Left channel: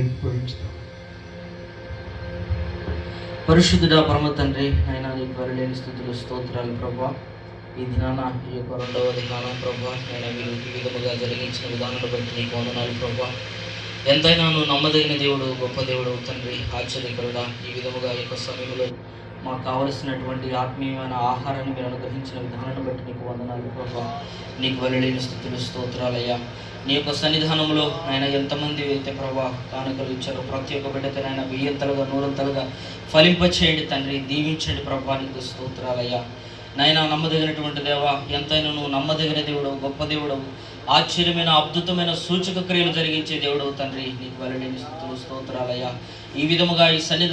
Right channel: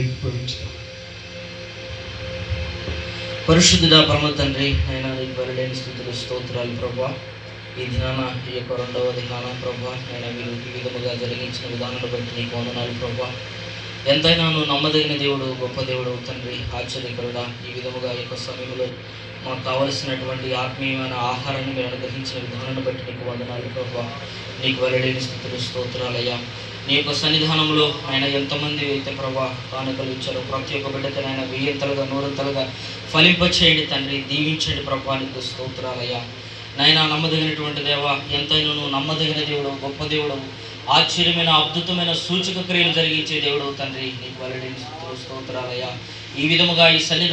ఏకీభవించుదాం. పరిశుద్ధుడా పరమ తండ్రి, ఆయన నీకు వెలలేని స్తుతులు స్తోత్రాలు ప్రభా. ఈ దినాన ఈ యొక్క 2వ దినాన ప్రభా, ఆయన మీరు ఈ విధముగా జరిగించిన విధానాన్ని బట్టి నీకు వందనాలు ప్రభా. ఎంతైనా నువ్వు నమ్మదగిన దేవుడు, గొప్ప దేవుడు తండ్రి, ఆశ్చర్యకరుడా. ఈ విధముగా ఈ యొక్క సమయంలో మాకు కావలసినటువంటి ఆత్మీయమైన ఆహారాన్ని మీరు అనుగ్రహించిన విధానాన్ని బట్టి నీకు వందనాలు ప్రభా. నీకు వెలలేని స్తుతులు స్తోత్రాలయ్యా. నీ యొక్క సన్నిధానంలో ఆయన ఎంతమంది అయితే ప్రభా కానుకలు ఇచ్చారో ప్రతి ఒక్క బిడ్డతో ఆయన 1000 100 ఫలింపచేయండి తండ్రి, దీవించండి ప్రభా. నీకు స్తోత్రాలయ్యా. నాయన నమ్మదగినటువంటి దేవా, ఎంతైనా నువ్వు నమ్మదగిన దేవుడు, గొప్ప దేవుడు, ఆశ్చర్యమైన అద్భుతమైన సూచక క్రియలు జరిగించే దేవుడు తండ్రి. నీకు వెలలేని స్తుతులు స్తోత్రాలయ్యా. ఈ విధముగా ఈ సన్నిధానం